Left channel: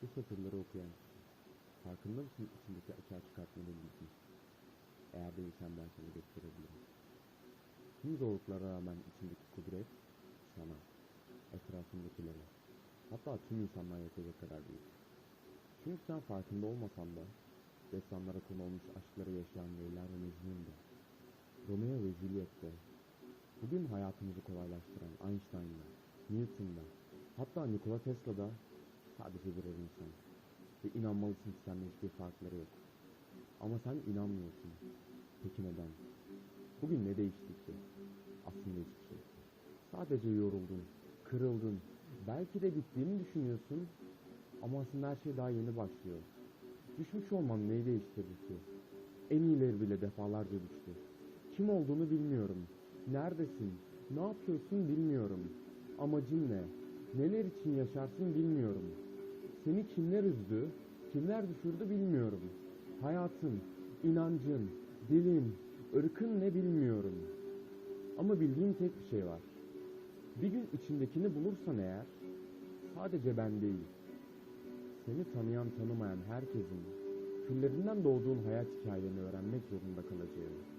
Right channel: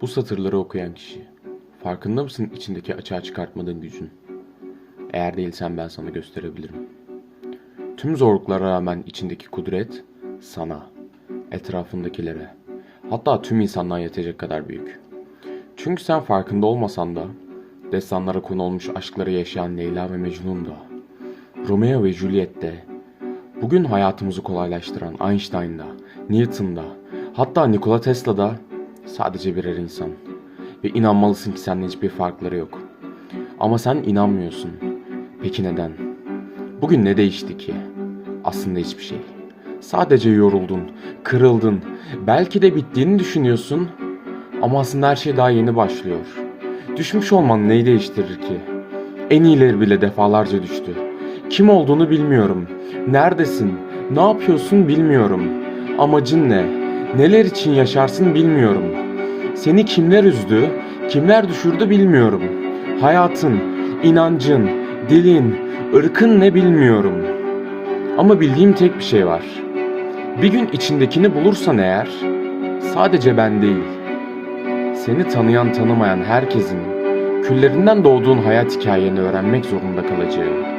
Bu satırları okuyan kişi. Farkında mısın içindeki açığa çıkartmadığın gücün? Eğer değilsen ben sana gösterebilirim. Tüm zorluklara rağmen içindeki kudret sana, etrafındakilere, hatta tüm insanlığa yetecek kadar büyük. Çünkü sen farkında olmasan da destanlara konu olmuş aşkları yaşayan Leyla ve Mecnun da, Romeo ve Juliet de, bugün hayatımızı kolaylaştıran Einstein da, Newton da, hatta Nikola Tesla da sadece birer insan. Ve inanmalısın ki seninle hiçbir farkları yok. Ama sen inanmıyorsun. Peki neden? Bugün ne değişti ki? Aslında hiçbir şey. Sadece yoruldun, kırıldın, belki de bittiğini düşünüyorsun. Ama aslında her şey daha yeni başlıyor. Düşmüş olman neyi değiştirir ki? En iyileri bile defalarca düştü. Kim olduğunu bilmiyorum. Neredesin? Ne yapıyorsun bilmiyorum. Amacın ne? Neler için yaşarsın bilmiyorum. Seni kimler üzdü, kimler düşürdü bilmiyorum. Hayatın, inancın, dilin, ırkın ne bilmiyorum. Ama bildiğim tek bir şey var. Bir gün içindekini bulursan eğer, sadece ben değil, seni tanıyan tanımayan herkesin küllerinden doğduğun hayat hikayeni öğrenmek zorunda kalacağı.